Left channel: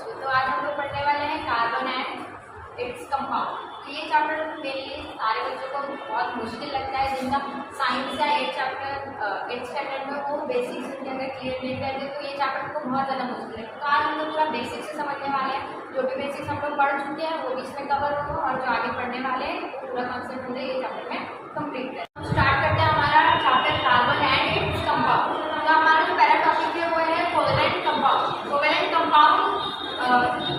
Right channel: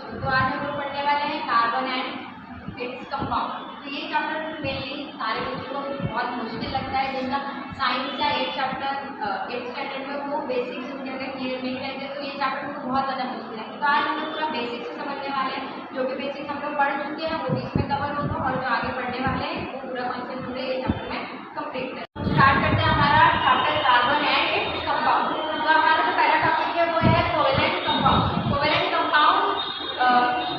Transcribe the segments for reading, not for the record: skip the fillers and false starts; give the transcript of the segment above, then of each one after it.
बच्चों, तो आज हम लोग पढ़ने वाले हैं कार्बन एंड इट्स कंपाउंड। तो ये चैप्टर मेनली सारे बच्चों को बहुत मुश्किल लगता है, जिनका साइंस या एट स्टैंडर्ड में वो बेसिक्स उनके अगर क्लियर नहीं रहते तो ये चैप्टर उनको बहुत ज़्यादा मुश्किल है। तो आज हम लोग पूरा बेसिक्स से समझने वाले हैं, जो भी बेसिक्स हम लोग पढ़ चुके हैं वो भी इसमें कवर होगा, और जो आगे पढ़ने वाले हैं वो पूरा कॉन्सेप्ट हम लोग ये चैप्टर में कंप्लीट करें। स्टार्ट करते हैं हमारा chapter carbon and its compound. तो हमारा जो पहला टॉपिक है वो है कोवेलेंट कंपाउंड। कोवेलेंट कंपाउंड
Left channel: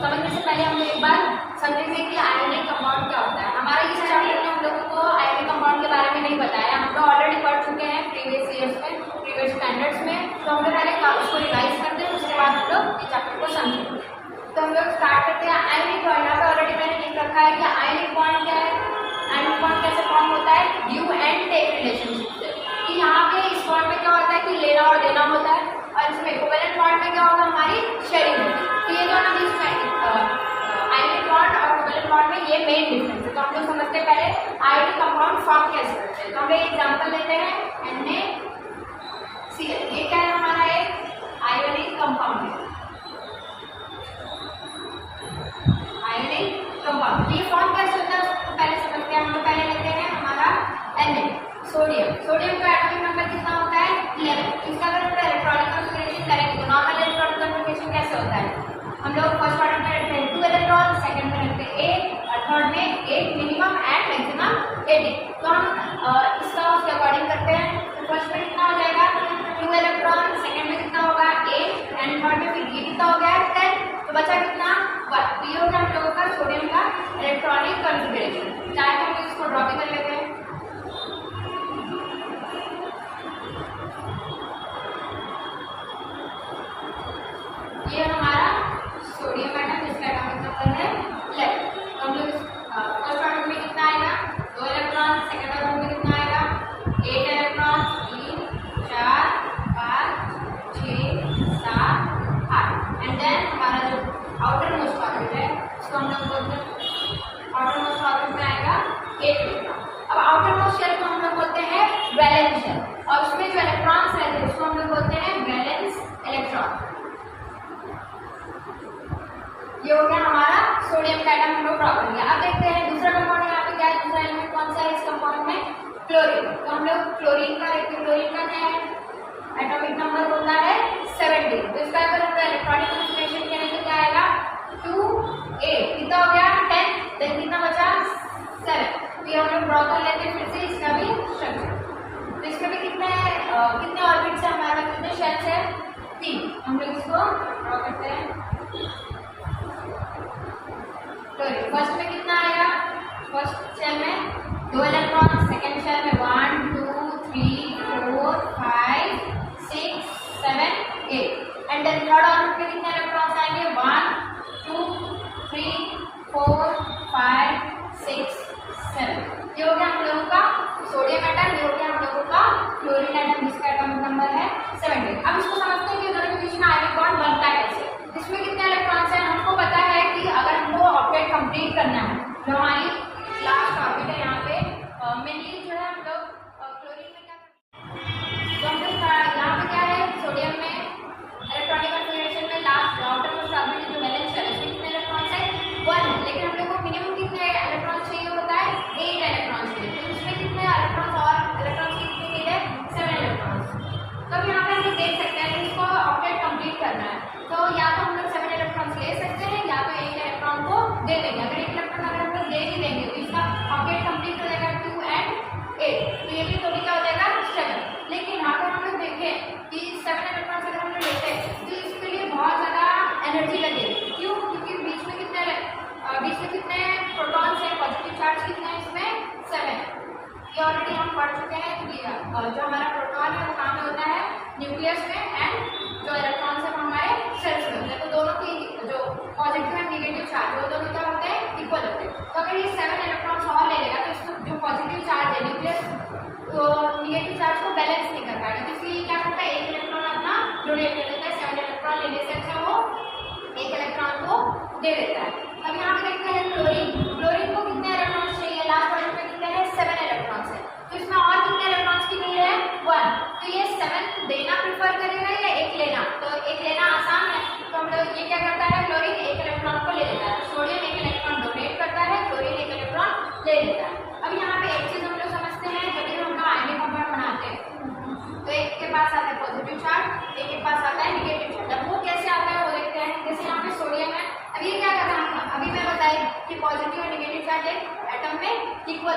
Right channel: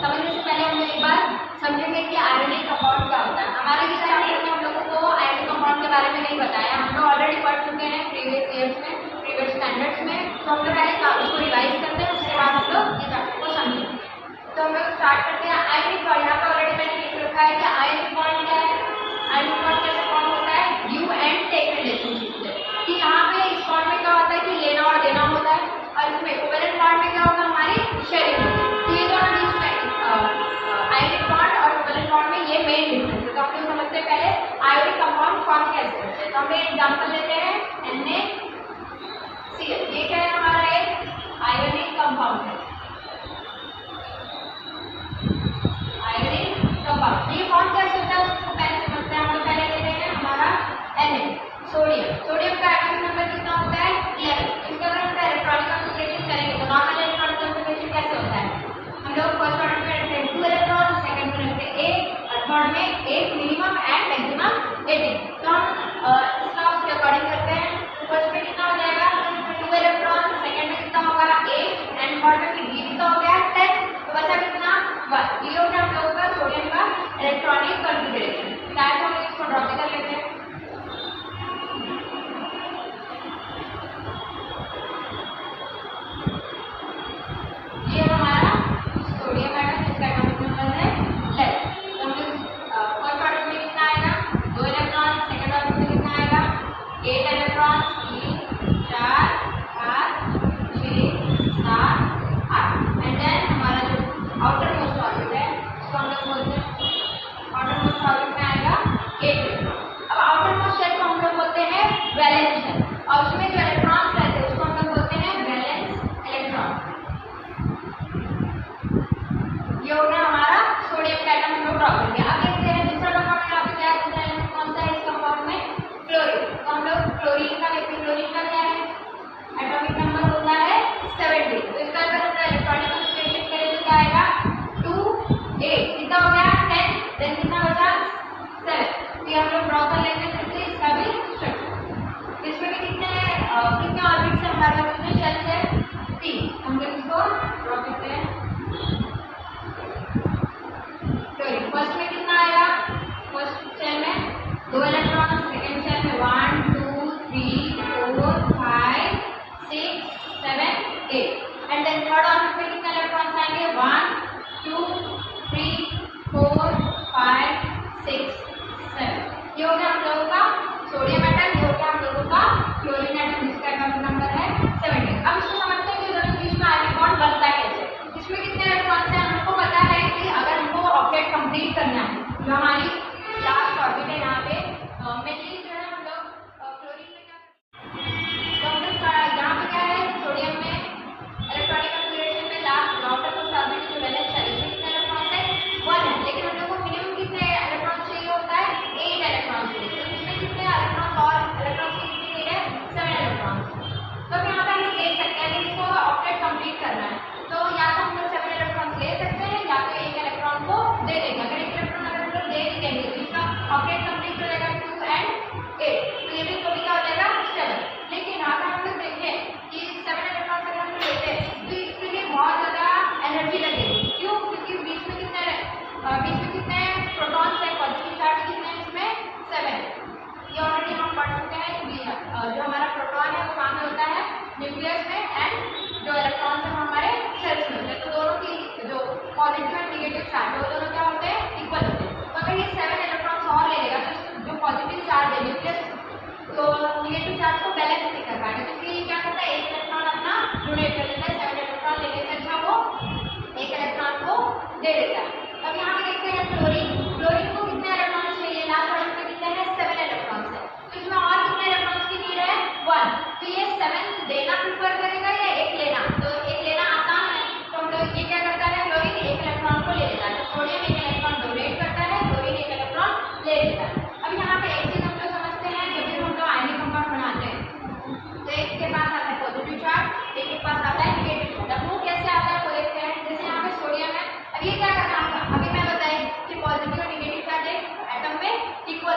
समझने से पहले हम लोग एक बार समझेंगे कि आयोनिक कंपाउंड क्या होता है। हमारे इस चैप्टर में हम लोगों को आयोनिक कंपाउंड के बारे में नहीं बताया, हम लोग ऑलरेडी पढ़ चुके हैं प्रीवियस ईयर्स में, प्रीवियस स्टैंडर्ड्स में। तो हम लोग पहले उसको रिवाइज करते हैं, उसके बाद हम लोग ये चैप्टर को समझेंगे। तो हम लोग स्टार्ट करते हैं आयोनिक बॉन्ड। यहाँ पे ऑलरेडी मैंने लिख रखा है कि आयोनिक बॉन्ड क्या है। आयोनिक बॉन्ड कैसे फॉर्म होता है, गिव एंड टेक रिलेशनशिप से। कि यहाँ पे इस बॉन्ड में क्या होता है कि लेना और देना होता है, और इसमें कोवेलेंट बॉन्ड में क्या होगा, हमारी शेयरिंग होगी। तो ये दोनों बीच में आयोनिक बॉन्ड और कोवेलेंट बॉन्ड में ये मेन डिफरेंस है। तो हम लोग समझते हैं पहले आयोनिक कंपाउंड फॉर्म कैसे करते हैं। तो हम एक एग्जांपल लेते हैं NaCl। ये क्या है, हमारा एक आयोनिक कंपाउंड है, आयोनिक कंपाउंड। ये फॉर्म कैसे होता है उसको पहले समझते हैं। हम लोग पहले लेते हैं हमारा Na, सोडियम। सोडियम का एटॉमिक नंबर कितना होता है, 11। इसका अगर हम इलेक्ट्रॉनिक कॉन्फ़िगरेशन करेंगे तो नॉर्मल इलेक्ट्रॉनिक कॉन्फ़िगरेशन कैसे होता है, हम लोग फर्स्ट ऑर्डर में रखते हैं 2 इलेक्ट्रॉन, सेकंड में रखते हैं 8 और थर्ड में 8 मिनिमम एंड मैक्सिमम 18। तो हम इसका उसके अकॉर्डिंग करते हैं। तो फर्स्ट में कितना हो जाएगा 2 इलेक्ट्रॉन, सेकंड में कितना होगा 8 एंड थर्ड में फिर ये कितना हो गया 10। तो बचा कितना 1। ये हो गया हम लोगों का सोडियम का इलेक्ट्रॉनिक कॉन्फ़िगरेशन। चाहे तो हम इसको ड्रॉ भी कर लेते हैं। ये हमारा सोडियम एटम, जिसका एटॉमिक नंबर है 11। तो हम लोग फर्स्ट ऑर्डर में कितना आएगा 2 इलेक्ट्रॉन, सेकंड ऑर्डर में कितना आएगा 8 इलेक्ट्रॉन, 3 4 5 6 7 8 एंड देन हमारा जो आउटर मोस्ट ऑर्बिट है उसको हम लोग बोलते हैं आउटर मोस्ट ऑर्बिट में आएगा 8 इलेक्ट्रॉन। अब आउटर मोस्ट शेल को हम लोग बोलते हैं वैलेंस शेल, और उसमें जो इलेक्ट्रॉन्स रहते हैं उसको हम लोग बोलते हैं वैलेंस इलेक्ट्रॉन। ये हो गया हमारा सोडियम का एटम हम लोग ड्रॉ कर लिया। अब देखते हैं दूसरा कंपाउंड यहाँ पे क्या है, दूसरा एलिमेंट कौन सा है इस कंपाउंड में, क्लोरीन। तो हम लोग क्लोरीन का देखते हैं, क्लोरीन का क्या है एटॉमिक नंबर होता है 17। तो इसका अगर हम इलेक्ट्रॉनिक कॉन्फ़िगरेशन करें तो क्या आएगा 2 8, कितना हो गया 10, देन कितना बचा 7। तो ये हम लोग ड्रॉ कर लेंगे फिर से इसका भी स्ट्रक्चर। तो इसमें भी कितने ऑर्बिट्स है हमारे पास, कितने शेल्स है 3। हम लोग इसको ड्रॉ करते हैं। फर्स्ट में कितना आएगा, फर्स्ट शेल में 2 इलेक्ट्रॉन, सेकंड शेल में 1 2 3 4 5 6 7 8 एंड देन थर्ड ऑर्बिट में कितने इलेक्ट्रॉन्स आएंगे 1 2 3 4 5 6 7। ये हो गया हम लोगों का सोडियम एटम, ये हो गया हम लोगों का क्लोरीन एटम, जिसका एटॉमिक नंबर है 17। अब इसको समझते हैं कि दोनों के बीच में आयोनिक बॉन्ड बनता कैसे। इसमें कितने इलेक्ट्रॉन्स हैं, हमको पता है कि अगर हमको ऑब्जेक्ट कंप्लीट करना है, जो हमारी लास्ट ऑर्बिट है यहाँ पे मेनली जो है हम लोग क्लोरीन में क्या करते हैं, तो हम लोग यहाँ पे क्या है सोडियम में इलेक्ट्रॉनिक कॉन्फ़िगरेशन में लास्ट आउटर मोस्ट ऑर्बिट जो वैलेंस शेल है इसमें कितने इलेक्ट्रॉन्स है 1 है, लेकिन हम लोग को मिनिमम कितने इलेक्ट्रॉन्स चाहिए होता है 8 इलेक्ट्रॉन्स चाहिए। तो इसमें कितने इलेक्ट्रॉन्स और इलेक्ट्रॉन्स की कितनी नीड है 7 इलेक्ट्रॉन्स। तो अब यहाँ पे हम लोग देख सकते हैं कि इसको ऑब्जेक्ट कंप्लीट करना है, तो या तो हम लोग 7 इलेक्ट्रॉन्स ले सकते हैं या तो एक इलेक्ट्रॉन को दे देंगे। अगर एक इलेक्ट्रॉन अगर हम लोग दे भी देंगे तो इसका ऑब्जेक्ट कंप्लीट हो जाएगा 2 एंड 8, तो ये भी तो भी क्या हो जाएगा 7। लेकिन यहाँ पे हम लोग देखें कि 7 इलेक्ट्रॉन्स अगर हम लोग लेते हैं तो इसके लिए बहुत ज़्यादा एनर्जी लगेगी। क्यों, क्योंकि बीच में कितने प्रोटॉन्स हैं, पॉजिटिव चार्ज कितने हैं इसमें 7। ये ऑलरेडी हम पढ़ चुके हैं कि जो हमारा प्रोटॉन है वो कहाँ पे होता है न्यूक्लियस में, एंड जो इलेक्ट्रॉन्स है वो हमारे शेल्स में होते हैं। तो दोनों की जो पॉजिटिव एंड निगेटिव चार्ज है वो दोनों क्या होते हैं इक्वल होते हैं। तो अगर ये 7 इलेक्ट्रॉन्स और ले लेगा तो इसको जो पॉजिटिव चार्ज है न्यूक्लियस तो निगेटिव चार्ज को बैलेंस नहीं कर पाएगा, तो इसलिए क्या करता है एक इलेक्ट्रॉन अपना डोनेट कर देता है। 7 इलेक्ट्रॉन लेने से अच्छा वो एक इलेक्ट्रॉन को दे देता है। अब यहाँ पे देखते हैं क्लोरीन, क्लोरीन को कितने इलेक्ट्रॉन्स चाहिए, लास्ट ऑर्बिट में कितने हैं 7 इलेक्ट्रॉन्स है, तो इसमें और कितने इलेक्ट्रॉन्स की नीड है 1। तो ये 7 देना प्रेफर करेगा या एक लेना, तो एक लेना आसान है, तो हम लोग ये क्या करता है क्लोरीन एक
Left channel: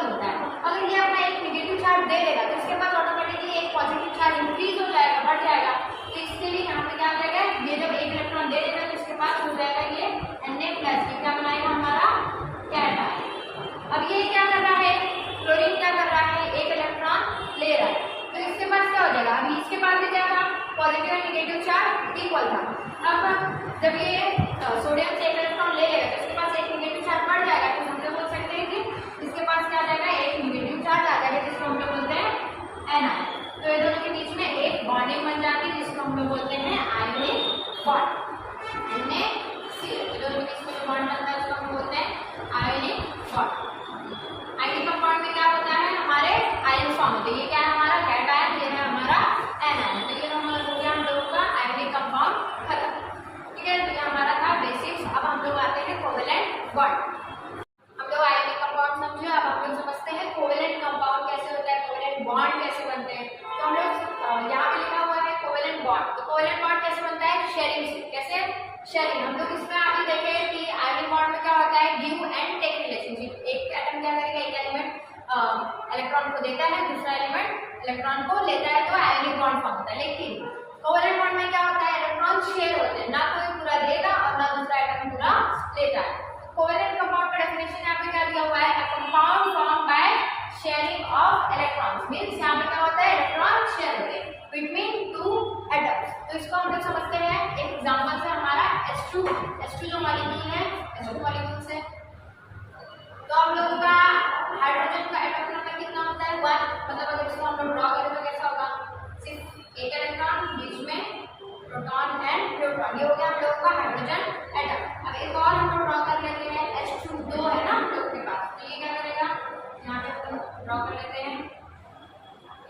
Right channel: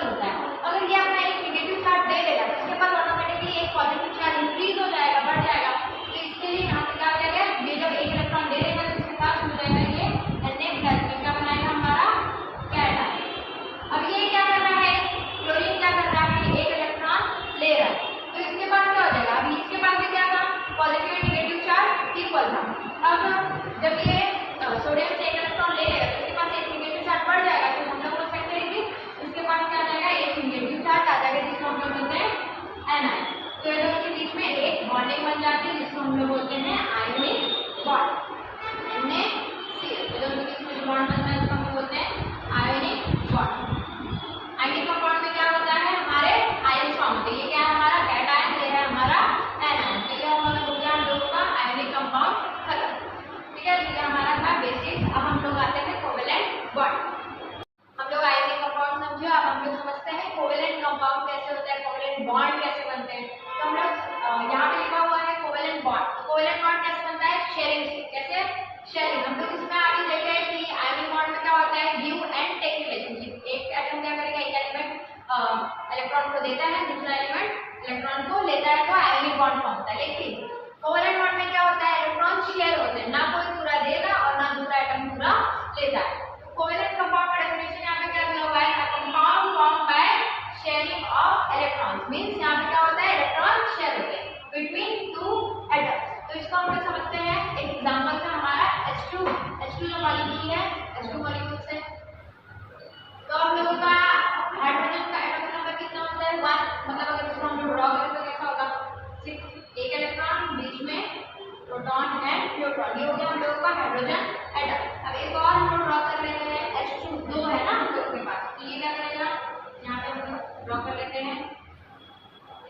होता है। अगर ये अपना एक नेगेटिव चार्ज दे देगा तो इसके पास ऑटोमेटिकली एक पॉजिटिव चार्ज इंक्रीज हो जाएगा, बढ़ जाएगा। तो इसके लिए यहाँ पे क्या हो जाएगा, ये जब एक इलेक्ट्रॉन दे देगा तो इसके पास हो जाएगा ये Na+, ये क्या बनाएगा हमारा कैटायन। अब ये क्या कर रहा है, क्लोरीन क्या कर रहा है, एक इलेक्ट्रॉन ले रहा है, तो इसके पास क्या हो जाएगा, अभी इसके पास भी क्या था, पॉजिटिव और नेगेटिव चार्ज इक्वल था। अब जब ये सोडियम से एक इलेक्ट्रॉन ले लेगा तो इसके पास एक नेगेटिव चार्ज बढ़ जाएगा, तो हम लोग बोल सकते हैं कि इसके पास क्या आ जाएगा, एक नेगेटिव चार्ज आ जाएगा, जिसको हम लोग बोलते हैं एनायन। तो ये दोनों के बीच में एक बॉन्डिंग बन जाती है, जिसको हम लोग बोलते हैं आयोनिक बॉन्ड, NaCl। तो दोनों के बीच में जो बॉन्ड बनता है उसको हम बोलते हैं आयोनिक बॉन्ड। आयोनिक बॉन्ड में क्या होता है, हमारे आयन फॉर्म होते हैं। ये क्या है हमारा कैटायन, ये है हमारा एनायन। तो ये हम लोग हो गया हम लोग का आयोनिक कंपाउंड खत्म, ठीक है। तो ये हमारा था बेसिक्स। अब हम लोग आते हैं कोवेलेंट बॉन्ड। हम लोग आयोनिक कंपाउंड समझे, अब हम लोग समझते हैं कोवेलेंट कंपाउंड कैसे होता है, कोवेलेंट बॉन्ड कैसे बनते हैं। तो हम लोग यहाँ पे लिखा हुआ है कोवेलेंट बॉन्ड। तो कोवेलेंट बॉन्ड कैसे बनता है, शेयरिंग से। कैसे, शेयरिंग। हम लोग इसमें आगे देखें कि आयोनिक बॉन्ड में क्या होता है, गिव एंड टेक रिलेशनशिप। एक एटम क्या करेगा, एक एलिमेंट इलेक्ट्रॉन को देता है, दूसरा एलिमेंट इलेक्ट्रॉन को लेता है, तो आयोनिक बॉन्ड फॉर्म होता है। लेकिन कोवेलेंट बॉन्ड में क्या होता है, इलेक्ट्रॉन शेयर होते हैं, ना कोई पूरा देगा और ना दूसरा एटम पूरा लेता है। कोवेलेंट कंपाउंड का डेफिनेशन यहाँ पे क्या दिया हुआ है, a compound form by sharing of electrons. Means यहाँ पे क्या होता है, इलेक्ट्रॉन शेयर होते हैं बिटवीन टू एटम्स। तो इसको हम लोग समझते हैं एक एग्जांपल से, हमारा H2 जो मॉलिक्यूल है, H2 मॉलिक्यूल से। तो हम लोगों का हाइड्रोजन का एटॉमिक नंबर कितना होता है, 1। मतलब अगर इसको हम लोग ड्रॉ करें तो कैसा होगा, सिर्फ एक इलेक्ट्रॉन, बीच में प्रोटॉन एंड न्यूट्रॉन। ये हो गया हम लोगों का हाइड्रोजन एटम। अब एक और हम लोग ड्रॉ कर लेते हैं, H2 है ना हम लोग के पास। तो ये क्या करेगा, यहाँ पे हम लोग ड्रॉ कर लेते हैं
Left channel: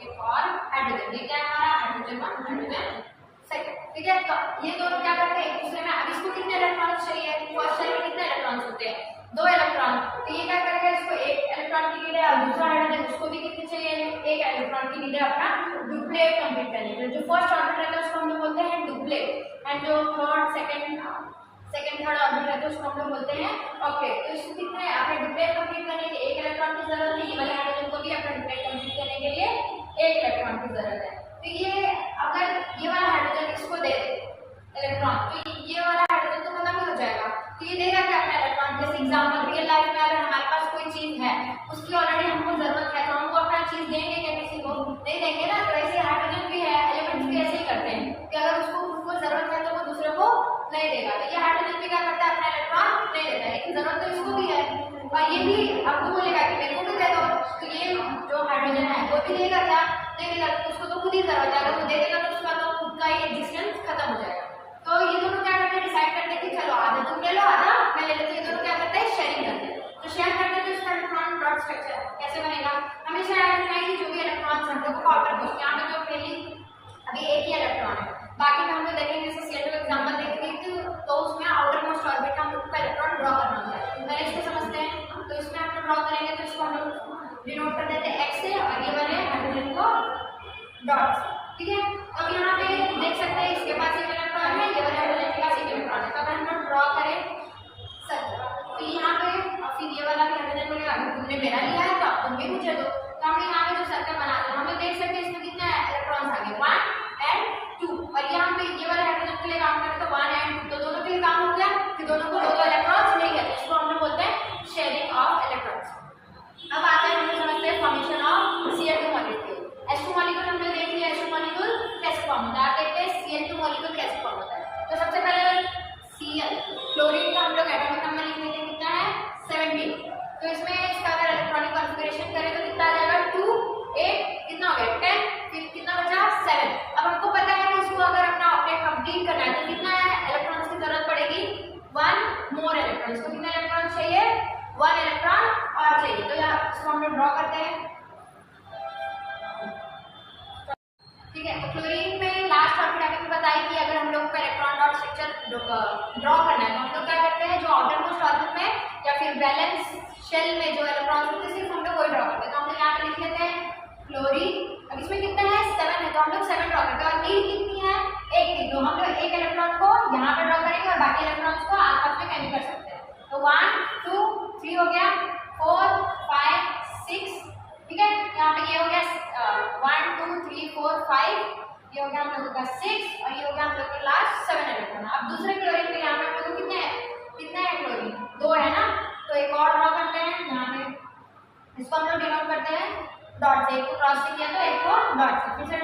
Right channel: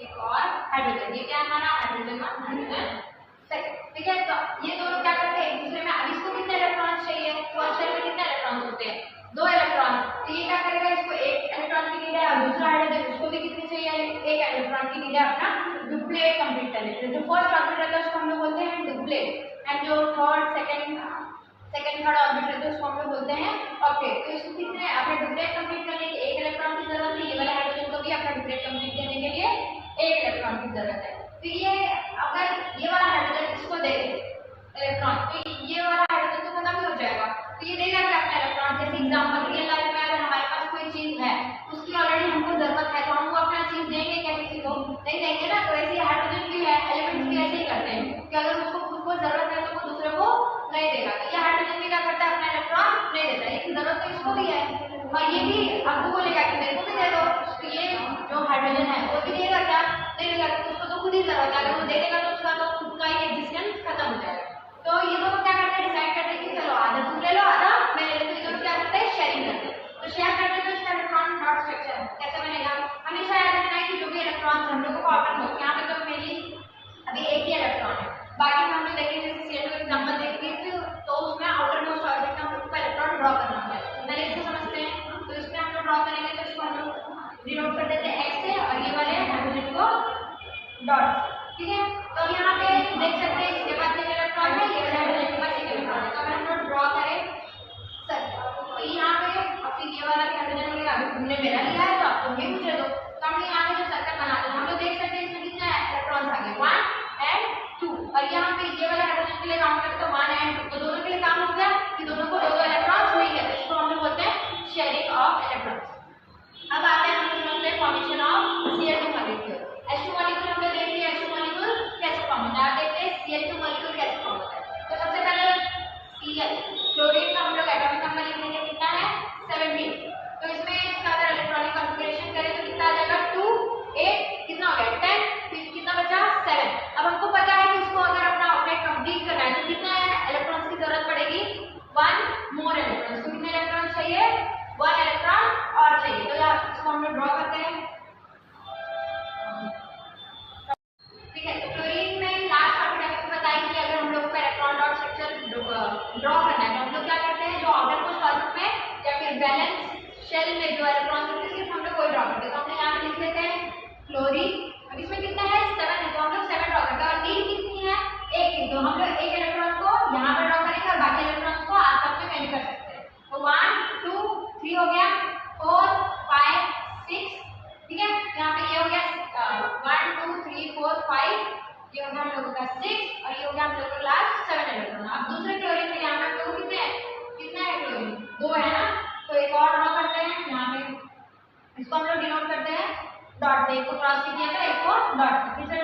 एक और हाइड्रोजन। ये क्या है हमारा हाइड्रोजन 1, हाइड्रोजन 2, ठीक है। तो ये दोनों क्या करते हैं एक दूसरे में। अब इसको कितने इलेक्ट्रॉन चाहिए, फर्स्ट शेल में कितने इलेक्ट्रॉन होते हैं, 2 इलेक्ट्रॉन। तो ये क्या करेगा, इसको एक इलेक्ट्रॉन की नीड है और दूसरा हाइड्रोजन उसको भी कितनी चाहिए, एक इलेक्ट्रॉन की नीड है अपना डुप्लेट कंप्लीट करने के लिए। जो फर्स्ट ऑर्बिट रहता है उसको हम लोग बोलते हैं डुप्लेट, एंड जो सेकंड थर्ड ऑर्बिट रहता है उसको हम लोग बोलते हैं ऑक्टेट। तो इसको कितने अपने डुप्लेट कंप्लीट करने के लिए एक इलेक्ट्रॉन की जरूरत है, ये वाले हाइड्रोजन को भी अपना डुप्लेट कंप्लीट करने के लिए एक इलेक्ट्रॉन की जरूरत है। तो ये अगर ये वाला हाइड्रोजन इसको दे दे इलेक्ट्रॉन, तो ये वाला हाइड्रोजन तो खत्म ही हो जाएगा। तो ये देगा क्या अपना इलेक्ट्रॉन। जैसे एग्जांपल रियल लाइफ में अगर हमारे पास कोई चीज है, उसकी ऑलरेडी हमको जरूरत है, तो हम वो अपना चीज देंगे क्या, किसी को नहीं देंगे ना। तो ऐसे हाइड्रोजन भी है, एलिमेंट्स भी ऐसे ही करते हैं कि अगर उसको खुद को जरूरत है तो वो दूसरे को नहीं देगा। तो ये हाइड्रोजन भी क्या करता है, अपना इलेक्ट्रॉन नहीं देता है, लेकिन जरूरत तो इसको भी है और ये भी आपको बोलेगा कि मेरे को भी दे दो। तो ये जो हाइड्रोजन है वो भी देगा क्या, नहीं देगा। तो उसको तो खुद ही जरूरत है, अगर वो दे देगा तो उसका तो खुद का ही एग्जिस्टेंस खत्म हो जाएगा। तो ये दोनों क्या करते हैं, डिसाइड करते हैं कि चलो आधा तुम ले लो आधा मैं ले लेती हूँ। ये दोनों क्या करते हैं, शेयरिंग करते हैं। तो शेयर करते हैं तो इसका इलेक्ट्रॉन डॉट स्ट्रक्चर कैसे बनेगा, हमेशा याद रखना है कि जो भी इलेक्ट्रॉन्स हम लोग को आउटर मोस्ट, यहाँ पे तो मेरी अभी एक ही इलेक्ट्रॉन है, बाकी में हम लोग देखेंगे जैसे Cl2 का एग्जांपल देखेंगे तो उसमें आउटर मोस्ट ऑर्बिट का हम लोग का इलेक्ट्रॉन ड्रॉ करना होता है। पहले इसको समझते हैं। तो इसमें हम लोग ड्रॉ करेंगे तो इसको हम लोग डिनोट कर देते हैं x से और ये वाले हाइड्रोजन को डॉट, ठीक है। तो अब यहाँ पे देख सकते हैं इसके पास एक इलेक्ट्रॉन है, ये वाले हाइड्रोजन के पास एक इलेक्ट्रॉन है। तो अगर हम लोग ड्रॉ करें सर, तो यहाँ पे और फिर ये वाला भी हाइड्रोजन बोलेगा अभी तुमने मेरा लिया है तो अब तुम भी मुझे दो। तो हमने यहाँ पे जो सर्कल बना लिया, हम लोग देख सकते हैं इसमें कितना इलेक्ट्रॉन्स आ गए, 1 and 2। और यहाँ पे ये वाले हाइड्रोजन के लिए काउंट करें तो 1 and 2, तो दोनों के लिए काम हो गया कि दोनों को 2 इलेक्ट्रॉन्स मिल गए। इसको हम लोग बोलते हैं शेयरिंग ऑफ इलेक्ट्रॉन्स। अब आते हैं हम लोग समझते हैं formation of Cl2 molecule. H2 molecule हम लोग देख लिया, H2 मॉलिक्यूल कैसे फॉर्म होता है। आप देखते हैं Cl2 मॉलिक्यूल कैसे फॉर्म होता है। तो सबसे पहले Cl क्लोरीन का हम लोग एटॉमिक नंबर लिख लेंगे, कितना है 17। तो इसमें इसका अगर इलेक्ट्रॉनिक कॉन्फ़िगरेशन करें तो कितना आ जाएगा 2 8, कितना हो गया 10, फिर कितना बचा 7। अब हमको पता है कि इसको अगर अपना ऑक्टेट कंप्लीट करना है तो कितना इलेक्ट्रॉन्स की जरूरत पड़ेगी, 1 मोर इलेक्ट्रॉन। इसको कितने इलेक्ट्रॉन चाहिए, 1 इलेक्ट्रॉन और चाहिए। तो यहाँ इसको हम लोग ड्रॉ करते हैं, ठीक है। तो क्लोरीन में लास्ट टॉपिक आपको बताई कि अगर हम लोग का इलेक्ट्रॉन डॉट स्ट्रक्चर ड्रॉ करना है तो हम लोग क्या करते हैं, जो आउटर मोस्ट ऑर्बिट में या फिर बैलेंस शेल में जो इलेक्ट्रॉन्स होते हैं सिर्फ हम लोग वही ड्रॉ करते हैं। तो हम लोग यहाँ पे लिख लेते हैं क्लोरीन। अब इसमें कितना है 7 है, तो हम लोग 7 ड्रॉ करते हैं और नीड कितनी है 1 की। तो हम लोग एक इलेक्ट्रॉन को यहाँ पे ड्रॉ करेंगे और बाकी इलेक्ट्रॉन्स को आसपास में कहीं कर सकते हैं। तो 1 2 3 हो गया, 4 5 6 का 6 और ये हो गया हम लोग का लास्ट 7 इलेक्ट्रॉन। अब दूसरे क्लोरीन में यहाँ पे हम लोग को कितना है क्लोरीन 2 है ना, तो एक और ड्रॉ करते हैं यहाँ पे, इसको हम लोग डिनोट करते हैं डॉट से, एक को क्रॉस से किया तो एक को डॉट से, फिर से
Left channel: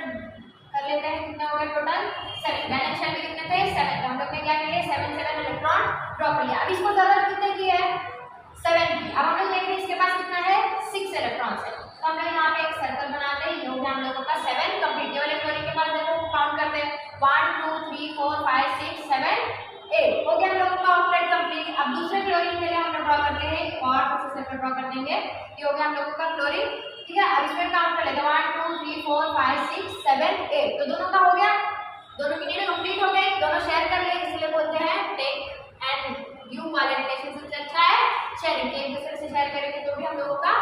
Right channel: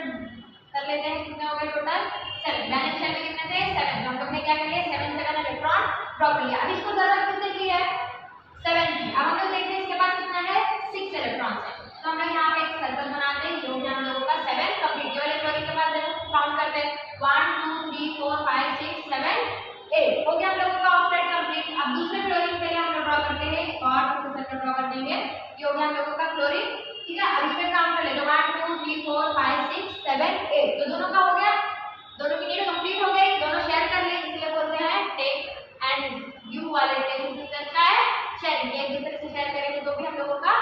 कर लेते हैं कितना हो गया टोटल 7। बैलेंस शेल में कितने थे 7, तो हम लोग ने क्या कर लिया 7 इलेक्ट्रॉन ड्रॉ कर लिया। अब इसको जरूरत कितने की है 7 की। अब हम लोग देखते हैं इसके पास कितना है 6 इलेक्ट्रॉन्स है, तो हम लोग यहाँ पे एक सर्कल बनाते हैं, ये हो गया हम लोगों का 7 कंप्लीट। ये वाले क्लोरीन के पास देखो काउंट करते हैं 1 2 3 4 5 6 7 8 हो गया हम लोगों का ऑक्टेट कंप्लीट। अब दूसरे क्लोरीन के लिए हम लोग ड्रॉ करते हैं और फिर से सर्कल ड्रॉ कर देंगे, ये हो गया हम लोगों का क्लोरीन, ठीक है। अब इसमें काउंट कर लेते हैं 1 2 3 4 5 6 7 8, तो दोनों का हो गया, दोनों की नीड कंप्लीट हो गई, दोनों शेयर कर लिए, इसलिए बोलते हैं टेक एंड गिव वाला रिलेशनशिप से अच्छा है शेयरिंग, एक दूसरे से शेयर करेंगे तो भी हम लोगों का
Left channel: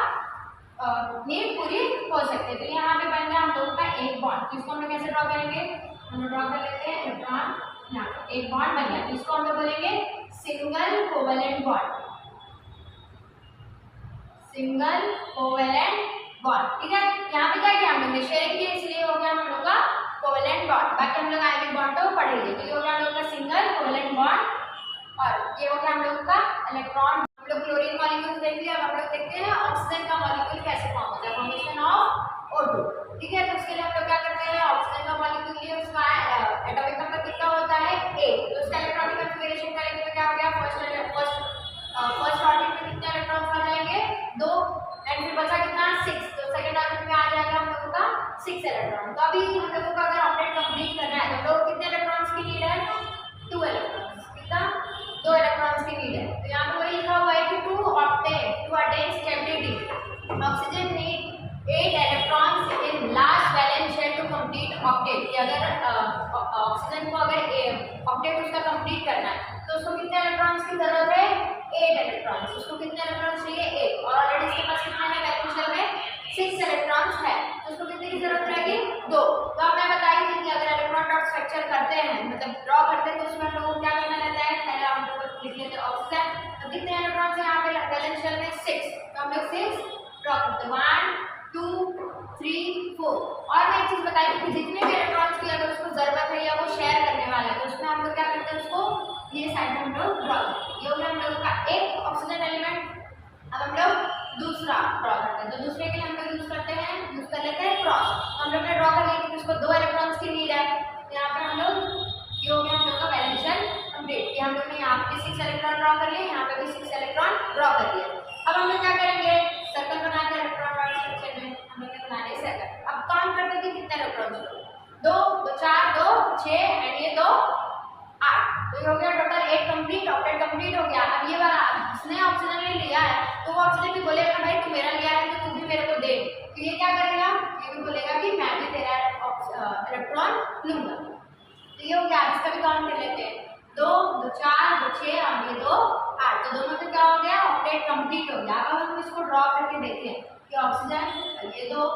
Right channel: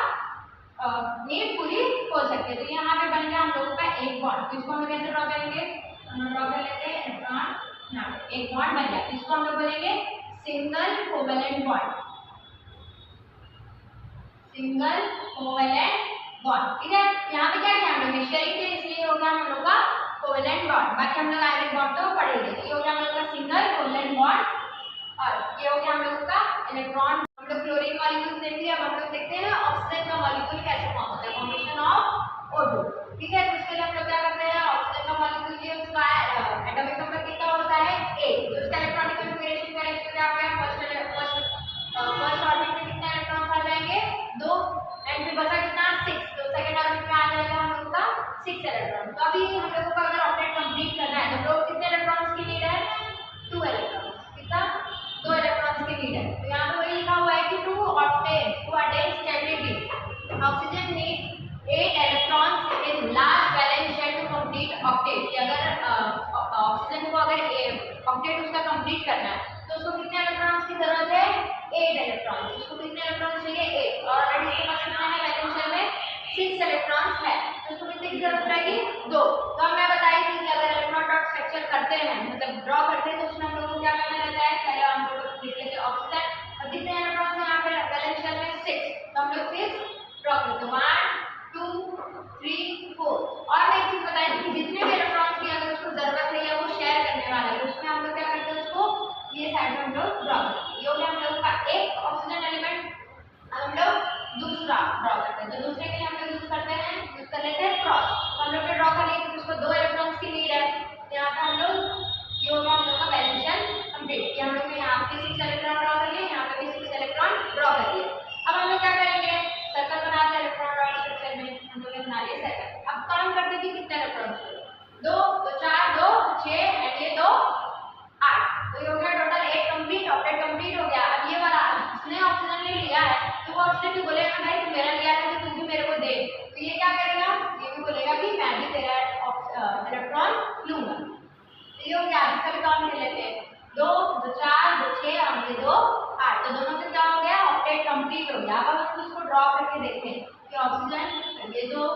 नीड पूरी हो सकती है। तो यहाँ पे बन गया हम लोगों का एक बॉन्ड, तो इसको हम लोग कैसे ड्रॉ करेंगे, हम लोग ड्रॉ कर लेते हैं इलेक्ट्रॉन, यहाँ पे एक बॉन्ड बन गया, इसको हम लोग बोलेंगे single covalent bond, single covalent bond, ठीक है। यहाँ पे क्या किया हम लोग ने शेयरिंग की, इसलिए हो गया हम लोग का कोवेलेंट बॉन्ड, बाकी हम लोग आगे बॉन्ड तो पढ़ेंगे। तो ये हो गया हम लोग का सिंगल कोवेलेंट बॉन्ड और ये हो गया हम लोग का इलेक्ट्रॉन। हम लोग क्लोरीन मॉलिक्यूल देख लिया, अब हम लोग देखते हैं ऑक्सीजन का मॉलिक्यूल कैसे फॉर्म होता है, फॉर्मेशन ऑफ O2, ठीक है। तो उसके लिए हम लोग क्या करते हैं, ऑक्सीजन का मॉलिक्यूल लिए उसका एटॉमिक नंबर कितना होता है 8, तो उसका इलेक्ट्रॉनिक कॉन्फ़िगरेशन करेंगे तो क्या हो गया फर्स्ट ऑर्बिट में कितने इलेक्ट्रॉन्स आ जाएंगे 2 एंड फिर बचा कितना 6, तो सेकंड ऑर्बिट में आ जाएगा हम लोगों का 6 इलेक्ट्रॉन। तो अभी हम लोगों को अगर ऑक्टेट कंप्लीट करना है तो कितने इलेक्ट्रॉन्स की नीड है 2 इलेक्ट्रॉन्स, कितना 2 इलेक्ट्रॉन्स की नीड है। तो यहाँ पे वही लिखा हुआ है कि to attain stability oxygen need 8 electrons in last valence shell to complete octet, कि अगर ऑक्सीजन को अगर ऑक्टेट उसका कंप्लीट करना है तो उसको कितने इलेक्ट्रॉन्स की जरूरत है 8 इलेक्ट्रॉन्स, उसको कितने इलेक्ट्रॉन्स चाहिए 8, और ऑलरेडी इसके पास कितना है वैलेंस शेल में 6 इलेक्ट्रॉन्स है, तो उसको कितने की जरूरत रहेगी 2। तो मैं बताई थी कि अगर इलेक्ट्रॉन डॉट स्ट्रक्चर करते हैं मतलब ड्रॉ करते हैं तो उसमें हम लोगों को क्या करना रहता है, पहले हम लोग लिख लेते हैं ऑक्सीजन, और कितने इलेक्ट्रॉन्स यहाँ पे वैलेंस शेल में 6, तो हम लोग 6 ड्रॉ करते हैं 1 2 3 4। और मैं एक चीज बताई थी कि जितने भी इलेक्ट्रॉन्स की अगर उसको जरूरत है या वो शेयर करने वाला है तो उसमें हम लोग क्या करते हैं उसको ये साइड में हम लोग ड्रॉ करते हैं। ये हो गया हम लोग का एक ऑक्सीजन एलिमेंट। अब हम लोग दूसरा ड्रॉ करते हैं, तो दूसरे के लिए हम लोग यूज कर लेते हैं क्रॉस। तो हम लोग ने ड्रॉ कर लिया क्योंकि उसको 2 इलेक्ट्रॉन्स की नीड है, यहाँ पे हम लोग ये हो गया हम लोग का वैलेंस शेल कंप्लीट, कि हम लोग ने यहाँ पे 6 इलेक्ट्रॉन ड्रॉ कर लिए, यहाँ पे भी 6 इलेक्ट्रॉन ड्रॉ कर लिए। अब हम लोग क्या करेंगे सर्कल बनाते हैं इलेक्ट्रॉन डॉट स्ट्रक्चर में, हम लोग ने बना लिया सर्कल। अब काउंट करते हैं कि कितने इलेक्ट्रॉन्स हो, 2 2 4 2 6 एंड ये 2 8, तो ये हो गया टोटल 8 कंप्लीट, ऑक्टेट कंप्लीट हो गया। अब ये वाला जिसने ऑक्सीजन ले लिया है तो वो ऑक्सीजन भी बोलेगा भाई तू मेरा लिया है तो तू भी मेरे को दे, तो ये क्या करेगा ये भी बोलेगा कि मैं भी तेरा इलेक्ट्रॉन लूंगा। तो ये हो गया, इसका भी काउंट कर लेते हैं 2 2 4 2 6 और ये 2 8, तो दोनों से क्या हो गया ऑक्टेट कंप्लीट हो गया। अब हम इसको ड्रॉ करके देखें कि ऑक्सीजन ये 2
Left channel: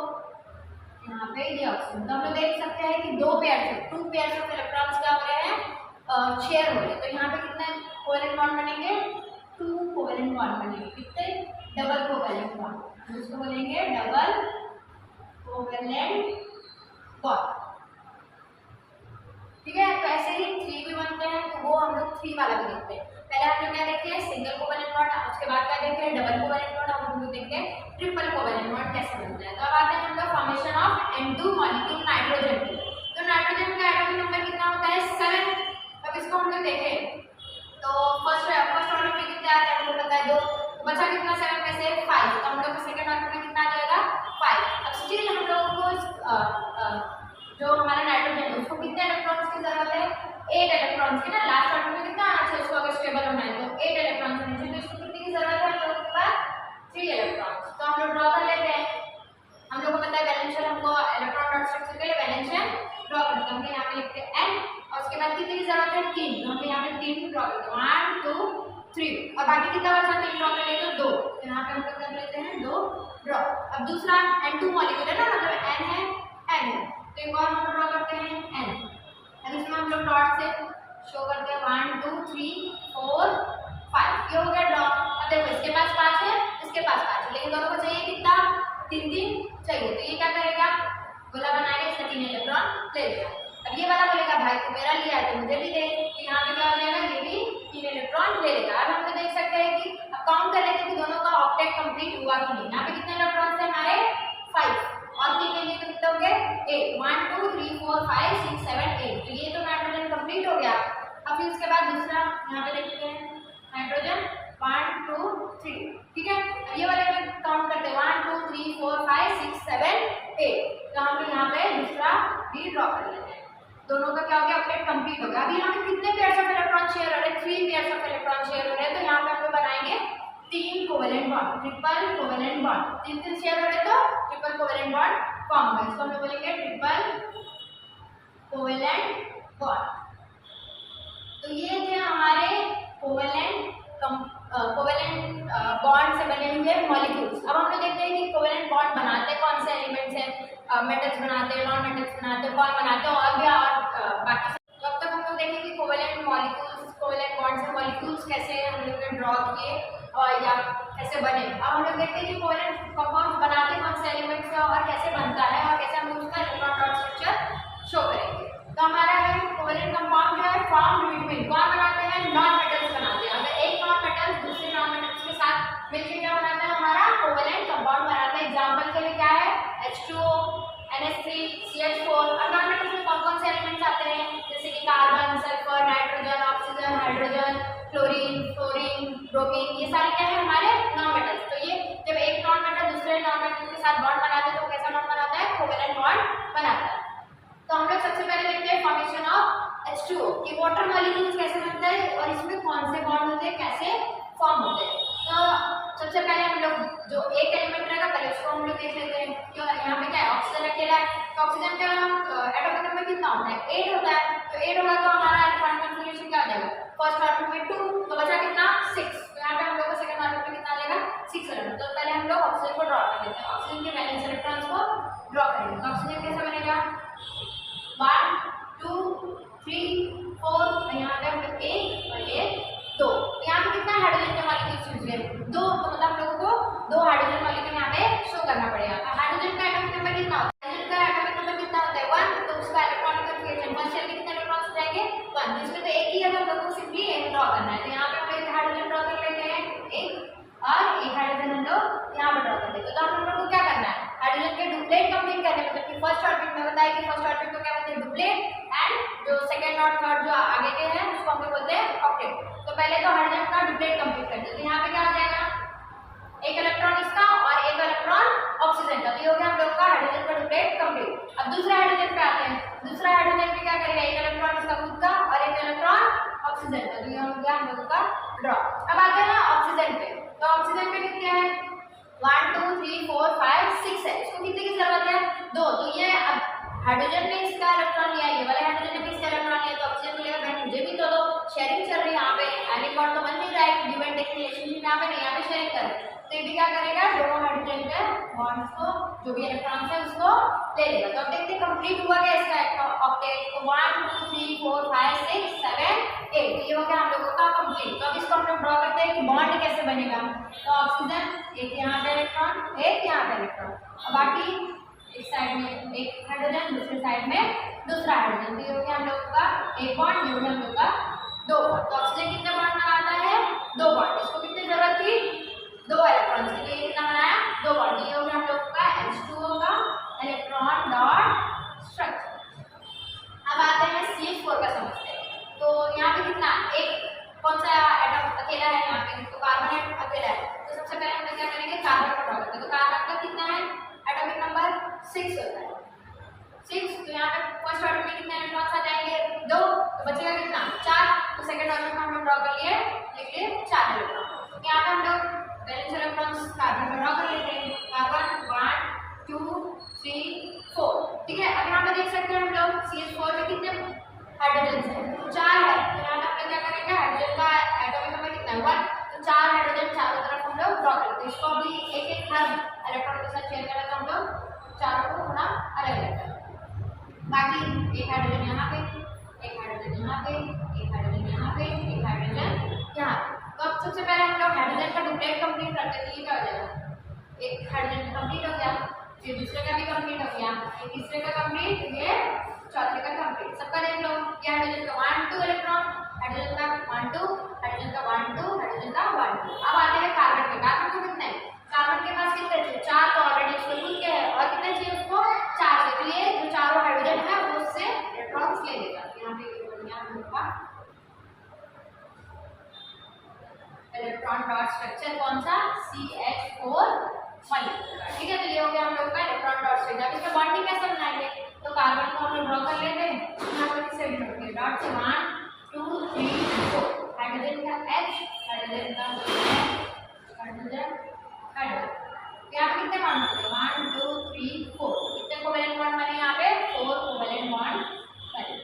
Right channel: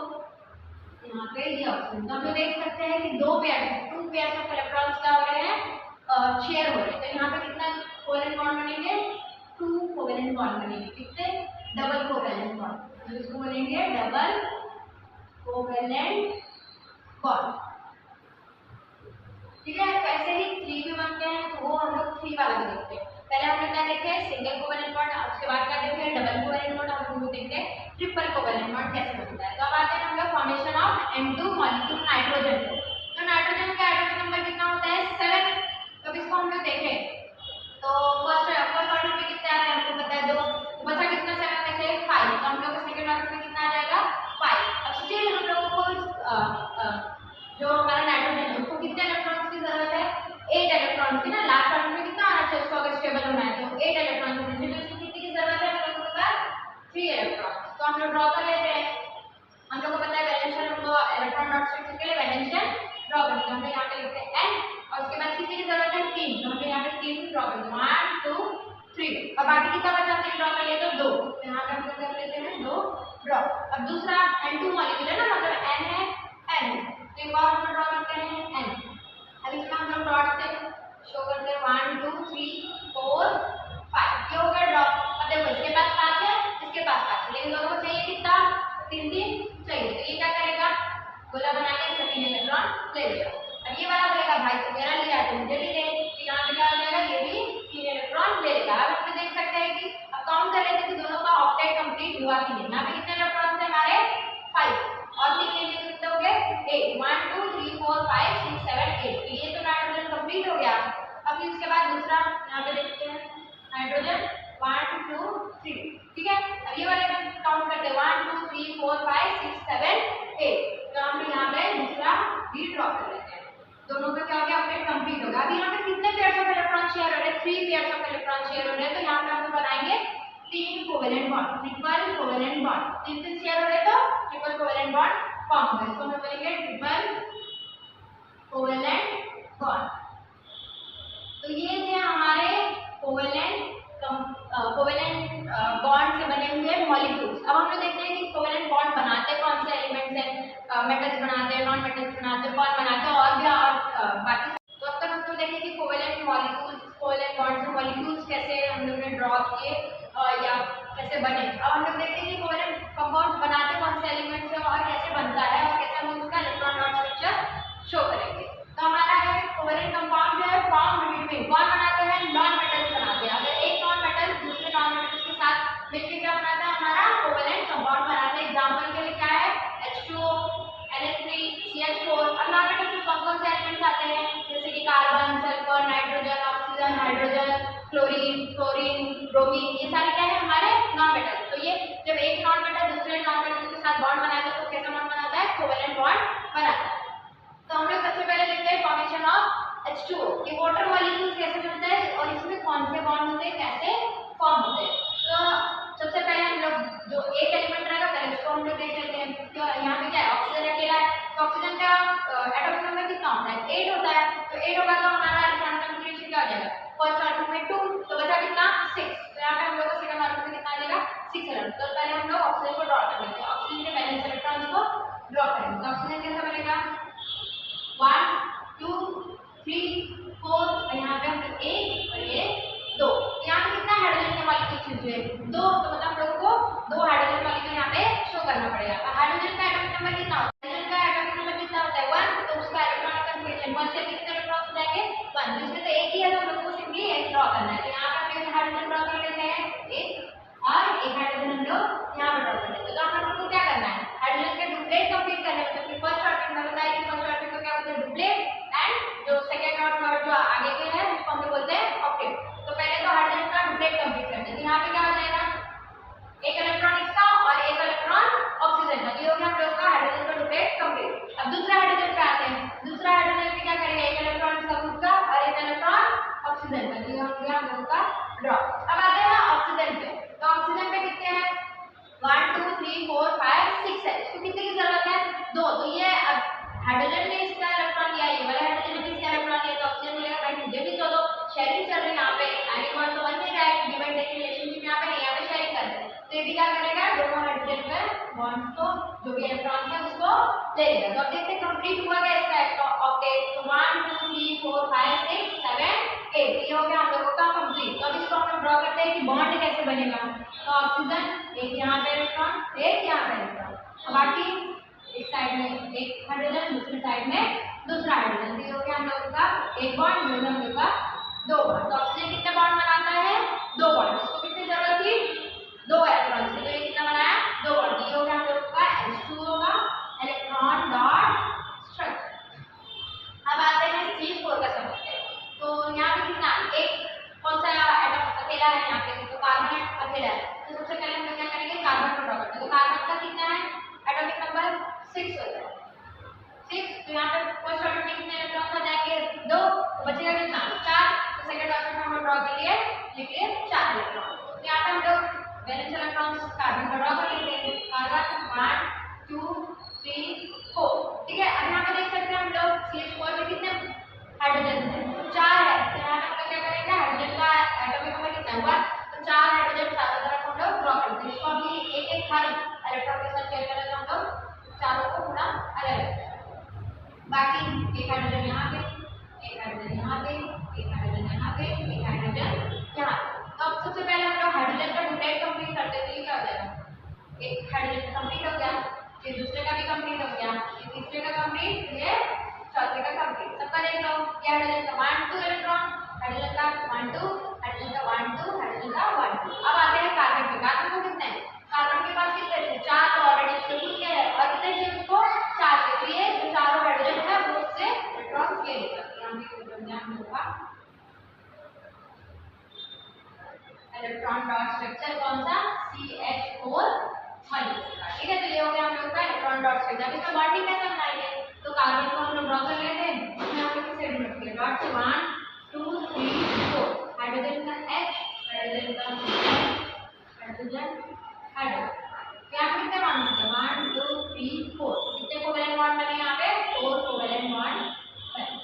यहाँ पे ये ऑक्सीजन, तो हम लोग देख सकते हैं कि 2 पेयर ऑफ इलेक्ट्रॉन्स क्या हो रहे हैं शेयर हो रहे हैं। तो यहाँ पे कितना कोवेलेंट बॉन्ड बनेंगे 2 कोवेलेंट बॉन्ड बनेंगे, कितने डबल कोवेलेंट बॉन्ड, तो इसको बोलेंगे डबल कोवेलेंट बॉन्ड, ठीक है। तो ऐसे ही 3 भी बनते हैं, तो वो हम लोग 3 वाला भी देखते हैं। पहले हम लोग क्या देखे सिंगल कोवेलेंट बॉन्ड, उसके बाद क्या देखे डबल कोवेलेंट बॉन्ड, अब हम लोग देखते हैं ट्रिपल कोवेलेंट बॉन्ड कैसे बनता है। तो अब आते हैं हम लोग formation of N2 molecule nitrogen. तो नाइट्रोजन का एटॉमिक नंबर कितना होता है 7। अब इसको हम लोग देखें तो फर्स्ट ऑर्डर में कितने आते हैं आपको पता है 2, तो बचा कितना 7 में से 5, तो हम लोग का सेकंड ऑर्डर में कितना आ जाएगा 5। अब स्टिल हम लोगों को जो हमारा नाइट्रोजन है उसको कितने इलेक्ट्रॉन्स की जरूरत है 8 इलेक्ट्रॉन्स की ना, लास्ट ऑर्डर में कितना आना चाहिए उसको अगर स्टेबल होना है तो 8 इलेक्ट्रॉन्स होने चाहिए, तो इसको कितनी की जरूरत है हम लोगों के पास 3 इलेक्ट्रॉन्स। तो हम लोग ड्रॉ कर लेते हैं, हम लोग को पता है वैलेंस शेल, हमको इलेक्ट्रॉन डॉट स्ट्रक्चर के लिए वैलेंस शेल ड्रॉ करते हैं। हम लोग यहाँ पे लिखते हैं n और उसके बाद कितने की जरूरत है 3, तो हम लोग यहाँ पे 3 ड्रॉ करते हैं 1 2 3, और बाकी कितना बचा तो ड्रॉ कर लेते हैं 2, तो यहाँ पे हम लोग कर लेते हैं 2 ड्रॉ। अब दूसरा N2 मॉलिक्यूल है ना, मतलब n है n है, तो एक और हम ड्रॉ करते हैं n। अब इसमें हम लोग डॉट से शो करते हैं 1 2 3 4 5, ये हो गया ड्रॉ। अब देखो इसके पास 5 है इसके पास 5 है, लेकिन दोनों को चाहिए कितना 3 3 चाहिए, तो ये क्या करेगा गोला बनाएगा, इसका 3 इलेक्ट्रॉन ले लेगा। अब ये वाला बोलेगा भाई तो मेरा लिया है तो मुझे भी दे, तो यहाँ पे क्या हो जाएगा, ये भी 3 इलेक्ट्रॉन ले लेगा। अब हम देख सकते हैं कि अब काउंट कर लेते हैं कि दोनों का ऑक्टेट कंप्लीट हुआ कि नहीं। यहाँ पे कितने इलेक्ट्रॉन्स है हमारे 5 और 3 लेंगे तो कितने हो गए 8, 1 2 3 4 5 6 7 8, तो ये तो नाइट्रोजन कंप्लीट हो गया। अब फिर उसके बाद दूसरा यहाँ पे देखते हैं नाइट्रोजन 1 2 3, ठीक है। अब ये वाले में काउंट करते हैं 1 2 3 4 5 6 7 8, तो हम लोग यहाँ पे दूसरा भी ड्रॉ कर लेते हैं। दोनों का क्या हो गया, ऑक्टेट कंप्लीट होगा। अभी यहाँ पे कितने पेयर्स ऑफ इलेक्ट्रॉन शेयर हो रहे हैं, 3 पेयर्स ऑफ इलेक्ट्रॉन शेयर हो रहे हैं, तो यहाँ पे हम लोग बनाएंगे 3 covalent bond, triple covalent bond. 3 share हो रहे हैं तो ट्रिपल कोवेलेंट बॉन्ड फॉर्म होगा। इसको हम लोग बोलेंगे ट्रिपल कोवेलेंट बॉन्ड। तो ये थे हमारे कोवेलेंट बॉन्ड से बने हुए मॉलिक्यूल्स। अब हम लोग देखते हैं कि कोवेलेंट बॉन्ड बनाते कौन से एलिमेंट्स हैं, मेटल्स बनाते हैं, नॉन मेटल्स बनाते हैं, कौन बनाते हैं और भी और बाकी। तो अब तक हम लोग देखें कि कोवेलेंट मॉलिक्यूल्स, कोवेलेंट बॉन्ड से मॉलिक्यूल्स कैसे हम लोग ने ड्रॉ किए और या कैसे बने। अब हम लोग देखते हैं कि कोवेलेंट कंपाउंड्स बनाते कौन से एलिमेंट से और कैसे बनता है और कैसे हम लोग उसका इलेक्ट्रॉन डॉट स्ट्रक्चर शो करेंगे। तो हमारा है कोवेलेंट कंपाउंड जो है फॉर्म्ड बिटवीन, कौन बनाते हैं, नॉन मेटल्स बनाते हैं। अगर एक नॉन मेटल दूसरे नॉन मेटल्स के साथ मिलकर क्या बनाता है, हमारा कोवेलेंट कंपाउंड बनाता है। एग्जांपल के लिए क्या है, H2O, NH3, CH4। अब नॉन मेटल्स में कौन से एलिमेंट्स आते हैं, जैसे कि carbon, sulphur, nitrogen, oxygen, hydrogen, chlorine, fluorine, bromine, ये सारे क्या है हमारे नॉन मेटल्स। तो ये जब एक नॉन मेटल दूसरे नॉन मेटल के साथ बॉन्ड बनाता है तो कैसा बॉन्ड बनाता है, कोवेलेंट बॉन्ड बनाता है। तो हम लोग सबसे पहले देखते हैं फॉर्मेशन ऑफ H2O, कि वाटर मॉलिक्यूल्स कैसे बनता है और इसमें कौन से बॉन्ड होते हैं, कैसे फॉर्म होते हैं। तो सबसे पहले हम लोग जो एक एलिमेंट रहेगा पहले उसको हम लोग देख लेते हैं। क्यों यहाँ पे क्या है, ऑक्सीजन अकेला है, तो ऑक्सीजन का एटॉमिक नंबर कितना होता है, 8 होता है। तो 8 होगा तो हमारा इलेक्ट्रॉन कॉन्फिगरेशन क्या हो जाएगा, फर्स्ट ऑर्बिट में 2, तो बचा कितना 6। तो यहाँ पे हम लोग को सेकंड ऑर्बिट में कितना लेगा 6 इलेक्ट्रॉन। तो पहले हम लोग ऑक्सीजन को ड्रॉ कर लेते हैं, ऑक्सीजन के वैलेंस इलेक्ट्रॉन्स को ड्रॉ करेंगे। तो ऑक्सीजन कैसे बनेगा, 1 2 3 4, तो यहाँ पे हम लोग 1 और ये 2। यहाँ पे कितना हाइड्रोजन के मॉलिक्यूल्स यूज हुए 2, तो मतलब हम लोगों को 2 हाइड्रोजन मॉलिक्यूल यहाँ पे शो करना पड़ेगा। हाइड्रोजन का एटॉमिक नंबर कितना होता है, हाइड्रोजन का एटॉमिक नंबर कितना होता है 1, तो उसका इलेक्ट्रॉनिक कॉन्फिगरेशन फर्स्ट शेल में कितने इलेक्ट्रॉन्स हो जाएंगे 1, जिसमें तो एक ही है तो हम लोगों को सिंपली एक ड्रॉ करना है। तो यहाँ पे हम लोग हाइड्रोजन ड्रॉ कर लेते हैं 1 और एक हाइड्रोजन हम लोग यहाँ पर ड्रॉ कर लेते हैं। तो हम लोग को क्या करना है, हाइड्रोजन के डुप्लेट कंप्लीट करने, मतलब कि फर्स्ट ऑर्बिट में बताया कि फर्स्ट ऑर्बिट को क्या बोलते हैं डुप्लेट, एंड जो सेकंड और थर्ड जो आगे के हैं उसको हम लोग बोलते हैं ऑक्टेट। तो पहले तो हाइड्रोजन का डुप्लेट कंप्लीट करते हैं। तो यहाँ पे क्या हो जाएगा, एक इलेक्ट्रॉन इसका और एक इलेक्ट्रॉन ऑक्सीजन का, तो ये हो गया हम लोग का हाइड्रोजन का डुप्लेट कंप्लीट। अब दूसरे हाइड्रोजन पे आते हैं, दूसरा हाइड्रोजन पे क्या करेगा, एक इलेक्ट्रॉन इसका खुद का और एक इलेक्ट्रॉन ऑक्सीजन का, तो ये हो गया हम लोगों का ड्रॉ। अब आते हैं ऑक्सीजन पे, तो ऑक्सीजन पे कितने हैं 1 2 3 4 5 6 है। इसको कितने की जरूरत है 2, तो ये अब हाइड्रोजन ने इसका इलेक्ट्रॉन लिया, ये वाला हाइड्रोजन ने भी इसका इलेक्ट्रॉन लिया, तो ऑक्सीजन मिलेगा भाई मुझे भी तो दो, शेयरिंग चल रही है यहाँ पे, आयनिक बॉन्ड तो बन नहीं रहा है, गिव एंड टेक रिलेशनशिप यहाँ पे नहीं, यहाँ पे शेयरिंग कर रहे हैं। तो ये भी क्या करेगा, दोनों हाइड्रोजन के बॉन्ड्स को जो भी इलेक्ट्रॉन्स है उसको ले लेगा। तो अब देखते हैं कंप्लीट हुआ क्या इसका ऑक्टेट, तो 1 2 3 4 5 6 7 8, ये हो गया हम लोगों का कंप्लीट। तो अब इसको हम लोग ड्रॉ करते हैं कि बॉन्ड कैसे बनेगा। तो ऑक्सीजन एक यहाँ पे इलेक्ट्रॉन, एक यहाँ पे इलेक्ट्रॉन, और बाकी एक साइड में एक हाइड्रोजन, दूसरी साइड में दूसरा हाइड्रोजन, तो ये हो गया हम लोगों का एक बॉन्ड, ये हो गया हम लोग का 2 बॉन्ड। तो ऑक्सीजन कितने बॉन्ड बनाता है 2 बॉन्ड, इसको कितनी जरूरत थी 2 इलेक्ट्रॉन के लिए, कितना बनाया 2 बॉन्ड, ये हो गया हम लोग का H2O का इलेक्ट्रॉन डॉट स्ट्रक्चर। अब आते हैं CH4 का समझते हैं। तो यहाँ पे कितना, एक कौन सा एटम अकेला है यहाँ पे, तो कार्बन अकेला है। तो सबसे पहले हम लोग क्या करेंगे, कार्बन को ड्रॉ करते हैं। तो कार्बन का कितना है एटॉमिक नंबर 6 होता है 6, तो यहाँ पे फर्स्ट ऑर्बिट में कितने इलेक्ट्रॉन्स आ जाएंगे 2, तो बचेगा कितना 4, तो सेकंड ऑर्बिट में हम लोग ड्रॉ कर लिए, लिख लिए 4 इलेक्ट्रॉन। यहाँ पे हम लोग बैलेंस इलेक्ट्रॉन्स कार्बन का ड्रॉ कर लेते हैं, कार्बन 1 2 3 4, ठीक है। अब यहाँ पे देख सकते हैं हम लोग CH4 में कितने हाइड्रोजन है, 4 है, तो यहाँ पे हम लोग क्या करेंगे, हाइड्रोजन का एटॉमिक नंबर कितना है 1, तो 4 हाइड्रोजन चारों तरफ हम लोग ड्रॉ करते हैं। इसको अभी एक एक हर इलेक्ट्रॉन के साथ शेयर करें तो हम लोग चारों को थोड़ा अलग अलग करें। बाकी एक हाइड्रोजन यहाँ पे, एक हाइड्रोजन यहाँ पे, एक हाइड्रोजन यहाँ पे, एक हाइड्रोजन यहाँ पे। तो अब सबसे पहले हम लोग हाइड्रोजन का डुप्लेट कंप्लीट करते हैं, तो ये क्या हो जाएगा, एक हाइड्रोजन कंप्लीट हो गया, फिर दूसरे का भी कंप्लीट हो गया, ये तीसरे का कंप्लीट, ये चौथे का कंप्लीट। सबका देख लो, ये हाइड्रोजन का 1 2 इलेक्ट्रॉन, हाइड्रोजन का 1 2, हाइड्रोजन का 1 2, हाइड्रोजन का 1 2। अब आते हैं कार्बन पे। कार्बन को कितने हैं? कार्बन के पास कितने थे? 4 तो ऑलरेडी उसके खुद के है, और कितने चाहिए उसको? 4 चाहिए। तो ये जो चारों हाइड्रोजन है वो उससे इलेक्ट्रॉन्स ले लेगा। यहाँ पे ध्यान होगा इलेक्ट्रॉन डॉट स्ट्रक्चर कौन सा? CH4 molecule. ठीक है, तो ये हो गया हम लोग का इलेक्ट्रॉन डॉट स्ट्रक्चर। अब इसमें बॉन्डिंग कैसे बनाएंगे? तो कार्बन को हम लोग ड्रॉ कर लेते हैं। यहाँ पे किससे नोट किया? डॉट से 1 2 3 4, हाइड्रोजन का H, हाइड्रोजन का हाइड्रोजन हाइड्रोजन। यहाँ पे कितने बॉन्ड होते हैं? 1 2 3 4। कितने कोवेलेंट बॉन्ड बने यहाँ पे? 4 कोवेलेंट बॉन्ड बने।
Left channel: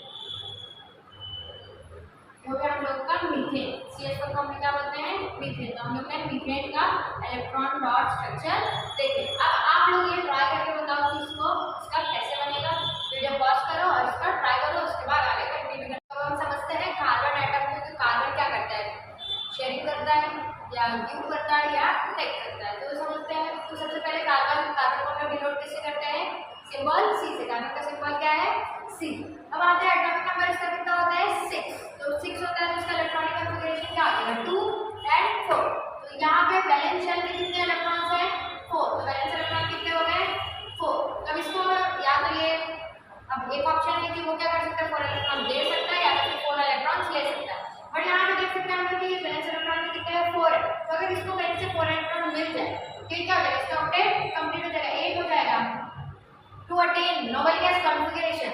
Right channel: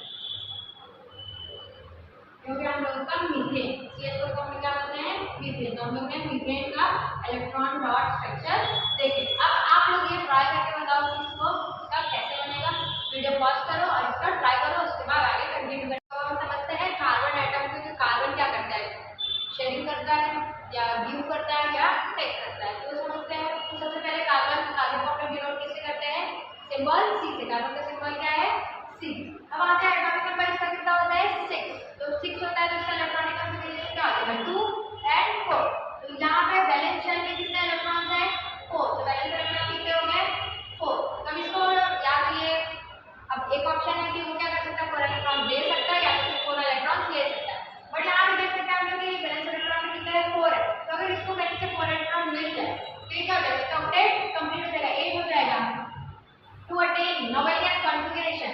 हो गया हम लोग का मीथेन। CH4 को हम क्या बोलते हैं? मीथेन। तो हम लोग ने मीथेन का इलेक्ट्रॉन डॉट स्ट्रक्चर देखे। अब आप लोग ये ट्राई करके बताओ कि इसका कैसे बनेगा। वीडियो पॉज करो और इसका ट्राई करो, उसके बाद आगे कंटिन्यू करो। तो हम समझते हैं कार्बन एटम को कि कार्बन क्या करता है, शेयरिंग करता है या गिव करता है या टेक करता है। तो समझते हैं। तो सबसे पहले कार्बन को हम लोग डिनोट किससे करते हैं? सिंबल C से। कार्बन का सिंबल क्या है? C। अब आते हैं एटॉमिक नंबर। इसका कितना होता है? 6। तो 6 होता है, तो इसका इलेक्ट्रॉनिक कॉन्फ़िगरेशन क्या होता है? 2 and 4। तो यहाँ पे वैलेंस शेल के कितने इलेक्ट्रॉन्स हैं? 4। तो वैलेंस इलेक्ट्रॉन कितने हो गए? 4। तब इसको या तो ये, अब एक ऑप्शन है कि वो क्या कर सकता है? 4 इलेक्ट्रॉन दे सकता है या फिर 4 इलेक्ट्रॉन्स ले सकता है। बट यहाँ पे देख सकते हैं हम लोग कि वैलेंस इलेक्ट्रॉन में कितने हैं? 4 है। तो अगर इसको कहीं से 4 इलेक्ट्रॉन मिल जाए तो ये क्या हो जाएगा? इसका ऑक्टेट कंप्लीट हो जाएगा, 8 हो जाएगा to attain noble gas configuration.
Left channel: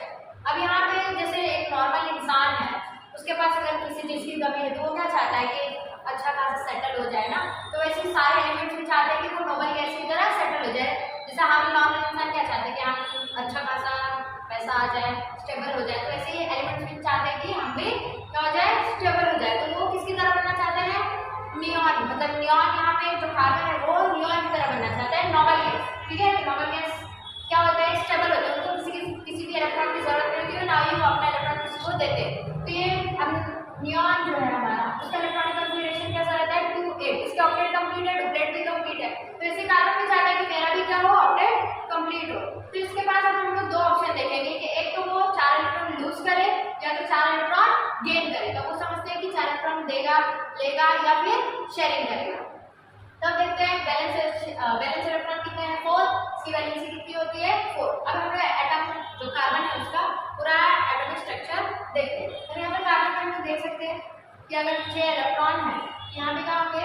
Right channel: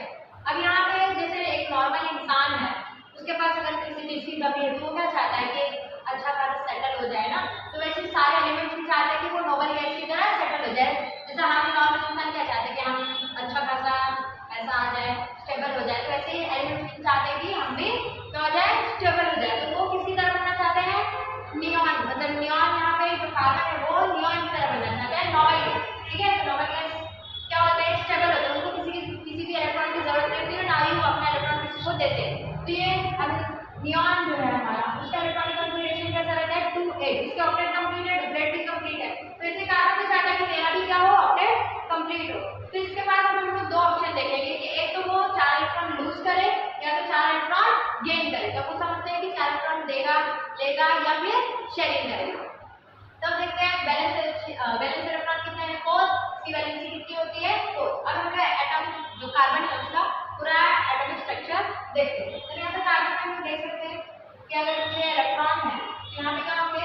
अब यहाँ पे जैसे एक नॉर्मल इंसान है, उसके पास अगर किसी चीज़ की कमी है तो वो क्या चाहता है कि अच्छा खासा सेटल हो जाए ना। तो वैसे सारे एलिमेंट्स भी चाहते हैं कि वो नोबल गैस की तरह सेटल हो जाए। जैसे हम नॉर्मल इंसान क्या चाहते हैं कि हम अच्छा खासा पैसा आ जाए, स्टेबल हो जाए। तो ऐसे ही एलिमेंट्स भी चाहते हैं कि हम भी क्या हो जाए? स्टेबल हो जाए। तो वो किसकी तरह बनना चाहते हैं? नियॉन। मतलब नियॉन, यहाँ पे जो कार्बन है वो नियॉन की तरह बनना चाहता है, नोबल गैस। ठीक है, तो नोबल गैस क्या होता है? स्टेबल होता है। उनको किसी भी इलेक्ट्रॉन की जरूरत नहीं होती है, ना ही वो अपना इलेक्ट्रॉन किसी को देते हैं। तो ये अब नियॉन जो है हमारा, उसका इलेक्ट्रॉनिक कॉन्फ़िगरेशन कैसा रहता है? 2 8। इसके ऑक्टेट कंप्लीट है, डुप्लेट भी कंप्लीट है। तो इससे कार्बन में चाहता है कि मेरा भी क्या हो? ऑक्टेट कंप्लीट हो। तो इसके पास अब हम लोग 2 ऑप्शन देखेंगे कि एक तो वो 4 इलेक्ट्रॉन लूज करे या तो 4 इलेक्ट्रॉन गेन करे। तो वो समझते हैं कि 4 इलेक्ट्रॉन देगा, लेगा या फिर शेयरिंग करेगा। तब देखते हैं वैलेंस इलेक्ट्रॉन कितने हैं? 4। इसकी वैलेंसी कितनी होती है? 4। अब हम एटम जो कार्बन है उसका पूरा एटॉमिक स्ट्रक्चर देखते हैं। तो यहाँ पे कार्बन में हम देख सकते हैं कि अगर 6 इलेक्ट्रॉन है तो यहाँ पे क्या होंगे?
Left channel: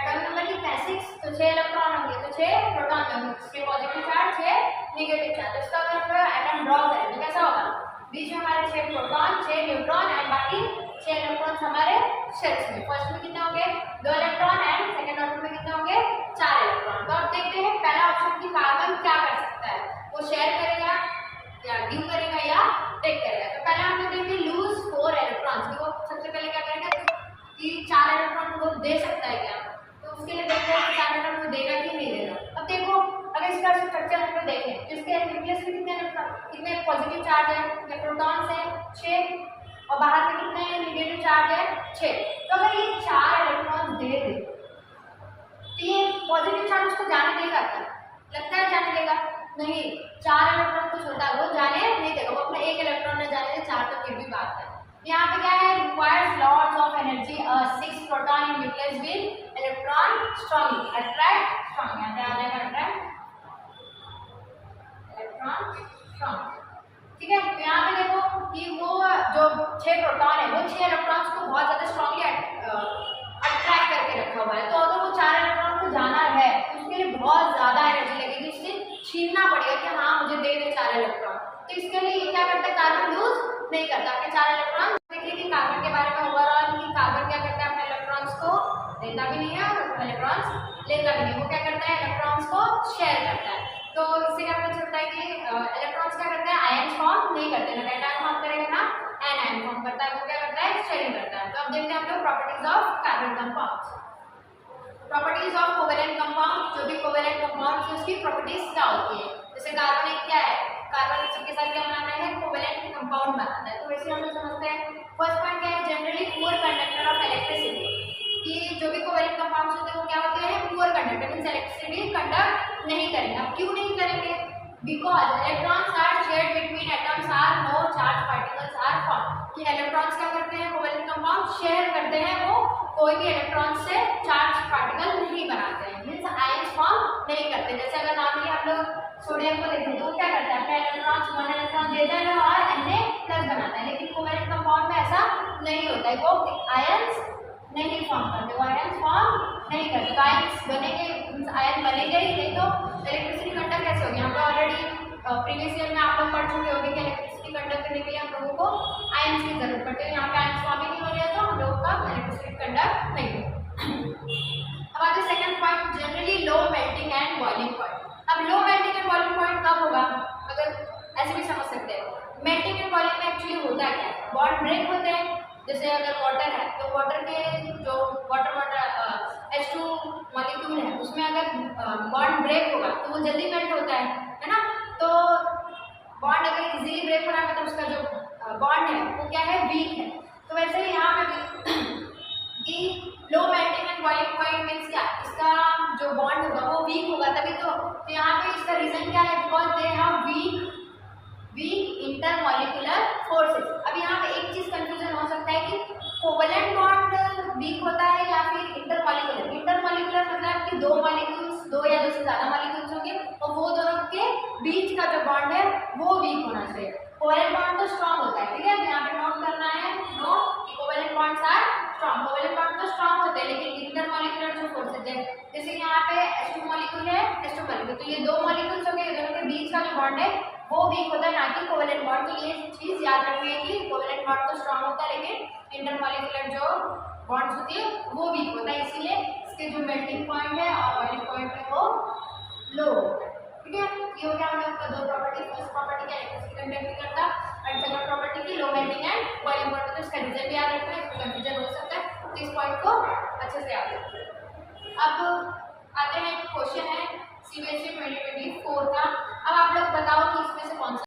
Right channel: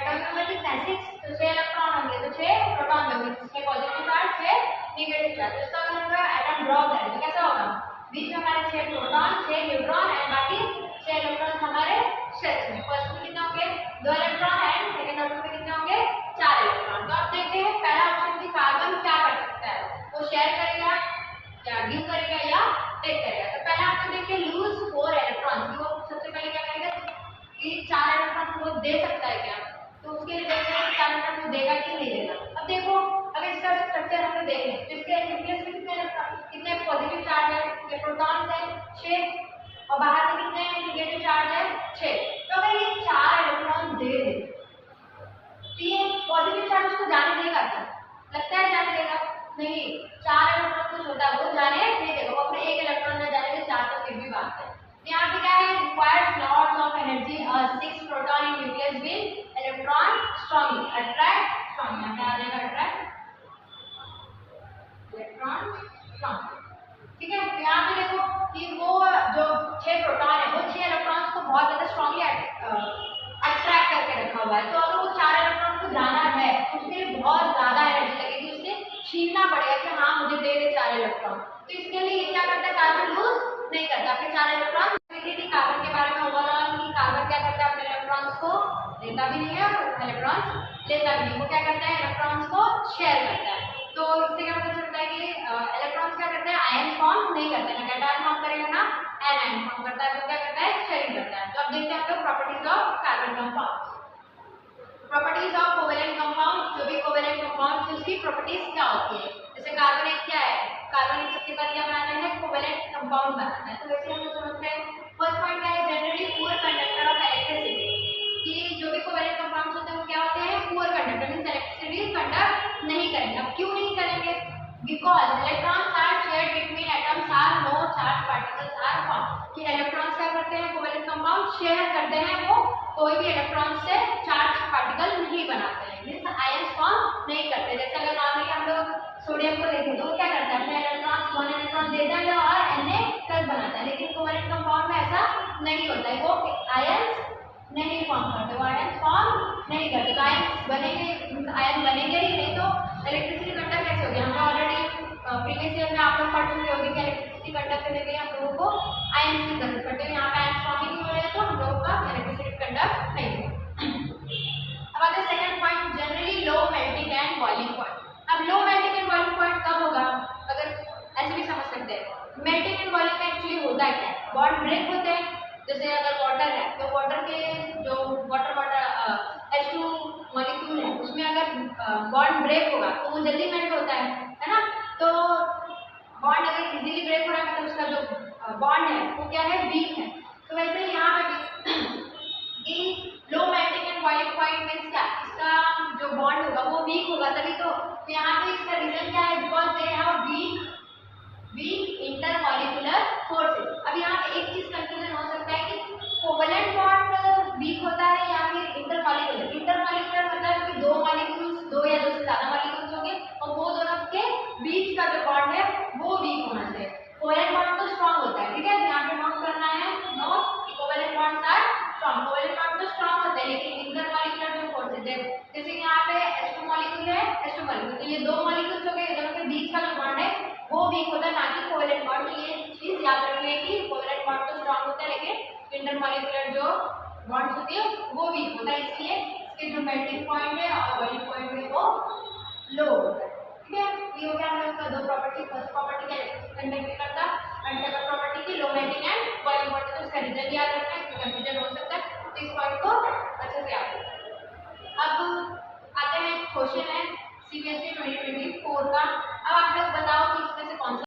एटॉमिक नंबर कितना है? 6। तो 6 इलेक्ट्रॉन होंगे तो 6 प्रोटॉन होंगे, 6 पॉजिटिव चार्ज 6 नेगेटिव चार्ज। तो इसका अगर हम एटम ड्रॉ करें तो कैसा होगा? बीच में हमारे 6 प्रोटॉन 6 न्यूट्रॉन एंड बाकी 6 इलेक्ट्रॉन्स हमारे शेल्स में। फर्स्ट में कितने होंगे? 2 इलेक्ट्रॉन एंड सेकंड ऑर्डर में कितने होंगे? 4 इलेक्ट्रॉन। तो अब देखते हैं पहला ऑप्शन की कार्बन क्या कर सकता है, वो शेयर करेगा या गिव करेगा या टेक करेगा। तो पहले हम लोग देखेंगे लूज 4 इलेक्ट्रॉन्स की। वो सबसे पहले क्या करेंगे कि 4 इलेक्ट्रॉन को दे सकता है क्या। तो उसके लिए देखते हैं 4 इलेक्ट्रॉन को देगा कि नहीं देगा। अब देखो अगर इसका स्ट्रक्चर हम लोग देखें तो इसके न्यूक्लियस में कितने इलेक्ट्रॉन, कितने पॉजिटिव चार्ज है? प्रोटॉन्स है 6 और बाहर में कितने नेगेटिव चार्ज है? 6। तो अगर ये 4 इलेक्ट्रॉन दे दे तो ये पॉजिटिव चार्ज उसको जाने देगा क्या? लगता है जाने देगा? नहीं, 4 इलेक्ट्रॉन कुछ होता है वो जाने नहीं देगा। वो अपने 1 इलेक्ट्रॉन में जाने दे, 4 तक फिर भी बात है। यहाँ पे क्या है? Requires lots of energy 6 proton in nucleus will electron strongly attract strong. यहाँ पे आ जाएगा अट्रैक्ट इलेक्ट्रॉन स्ट्रांग। ठीक है, तो यहाँ पे देखो कि वो जो 6 प्रोटॉन है वो 6 इलेक्ट्रॉन्स को बहुत ज्यादा स्ट्रांगली अट्रैक्ट करके रखा हुआ है। तो अगर वो 4 इलेक्ट्रॉन को जाना है तो उसके लिए बहुत ज्यादा एनर्जी लगेगी, उससे छीनना पड़ेगा कि हाँ मुझे दे दे 4 इलेक्ट्रॉन। तो इसके लिए क्या करता है? कार्बन लूज नहीं करता अपने 4 इलेक्ट्रॉन। देखिए थी कार्बन के बारे में ओवरऑल कि कार्बन क्या करता है? अपने इलेक्ट्रॉन्स को देता भी नहीं है और इलेक्ट्रॉन्स लेता भी नहीं। वो क्या करता है? इलेक्ट्रॉन्स को शेयर करता है। तो इससे क्या पता चलता है कि इलेक्ट्रॉन्स क्या करते हैं? आयन फॉर्म नहीं करते, ना कैटायन फॉर्म करेगा ना एनायन फॉर्म करता है। वो क्या करता है? शेयरिंग करता है। तो अब देखते हैं हम लोग properties of carbon compounds. Properties of covalent compound. जो भी कोवेलेंट कंपाउंड है उसकी प्रॉपर्टीज क्या होती है? जैसे कार्बन एक क्या है? कार्बन एक सबके साथ क्या बनाता है? कोवेलेंट कंपाउंड बनाता है। तो वैसे हम लोग समझते हैं फर्स्ट पॉइंट क्या है? Generally poor conductor of electricity. कि जो भी कोवेलेंट कंपाउंड्स होते हैं वो क्या होते हैं? Poor conductor, means electricity conduct नहीं करेंगे। अब क्यों नहीं करेंगे? Because electrons are shared between atoms are no charge particles are form, कि इलेक्ट्रॉन्स क्या करते हैं, कोवेलेंट कंपाउंड शेयर करते हैं, वो कोई भी इलेक्ट्रॉन से चार्ज पार्टिकल नहीं बनाते हैं, मीन्स आयंस फॉर्म नहीं करते। जैसे अगर नॉर्मली हम लोग सोडियम को देखें तो वो क्या करता है, अपने इलेक्ट्रॉन्स 1 इलेक्ट्रॉन देता है और Na+ बनाता है, लेकिन कोवेलेंट कंपाउंड में ऐसा नहीं होता है, वो आयंस नहीं फॉर्म करते, वो आयंस फॉर्म नहीं करते। तो आयंस बनेंगे, आयन बनेंगे ही नहीं तो इलेक्ट्रिसिटी कंडक्ट कैसे होगी। हम लोग ऑलरेडी प्रीवियस ईयर में आप लोग पढ़ चुके होंगे कि इलेक्ट्रिसिटी कंडक्ट करने के लिए हम लोगों को आयंस की जरूरत पड़ती है, यहाँ पे आयंस फॉर्म ही नहीं हो रहे हैं तो हम लोगों का इलेक्ट्रिसिटी कंडक्ट नहीं है। अब आता है second point, generally low melting and boiling point. अब low melting and boiling point कब होगा, अगर ऐसे भी समझ सकते हैं। मेल्टिंग एंड बॉइलिंग में एक्चुअली होता है क्या, बॉन्ड ब्रेक होते हैं। जैसे अगर वाटर है तो वाटर के जो वाटर H2 मॉलिक्यूल है उसमें अगर बॉन्ड ब्रेक होगा तो वो जल्दी मेल्ट होता है ना। तो बॉन्ड अगर इजीली ब्रेक हो रहा है मतलब उसका जो बॉन्ड है वो क्या है, वीक है। तो वैसे ही यहाँ पे भी कि लो melting and boiling point means क्या, इसका जो बॉन्ड होगा वो वीक होगा तभी तो यहाँ पे इसका रीजन क्या है, because they have week intermolecular forces. अब यहाँ पे एक चीज कंफ्यूजन हो सकता है कि कोवेलेंट बॉन्ड वीक होता है या फिर इंटरमॉलिक्यूलर। इंटरमॉलिक्यूलर मतलब कि दो मॉलिक्यूल्स, दो या दो से ज्यादा मॉलिक्यूल्स होंगे और वो दोनों के बीच का जो बॉन्ड है वो वीक होना चाहिए। कोवेलेंट बॉन्ड तो स्ट्रांग होता है, ठीक है, यहाँ पे नोट करना है, नोट कि covalent bonds are strong. Covalent bond तो स्ट्रांग होते हैं लेकिन इंटरमॉलिक्यूलर जो फोर्सेस है, जैसे यहाँ पे H2 मॉलिक्यूल है, H2 मॉलिक्यूल, तो ये दो मॉलिक्यूल्स हो गए, ये दोनों के बीच का जो बॉन्ड है वो वीक होता है ना कि कोवेलेंट बॉन्ड। तो ये चीज याद रखिए कि कोवेलेंट बॉन्ड तो स्ट्रांग होता है लेकिन इंटरमॉलिक्यूलर जो बॉन्ड्स होती है वो वीक होता है, इसलिए इसके जो मेल्टिंग पॉइंट है और बॉइलिंग पॉइंट है वो लो होता है, ठीक है। ये हो गया हम लोग का दो प्रॉपर्टी, फर्स्ट प्रॉपर्टी का इलेक्ट्रिसिटी कंडक्ट नहीं करता एंड सेकंड प्रॉपर्टी की लो मेल्टिंग एंड बॉइलिंग पॉइंट। तो इसका रिजल्ट याद रखना है, इसमें कंफ्यूजन हो सकता है, तो इस पॉइंट को अच्छे से याद रखें। अब आते हैं क्वेश्चन है CBSE 2024 का। अब आप लोग बताओ कि इसमें से कौन सा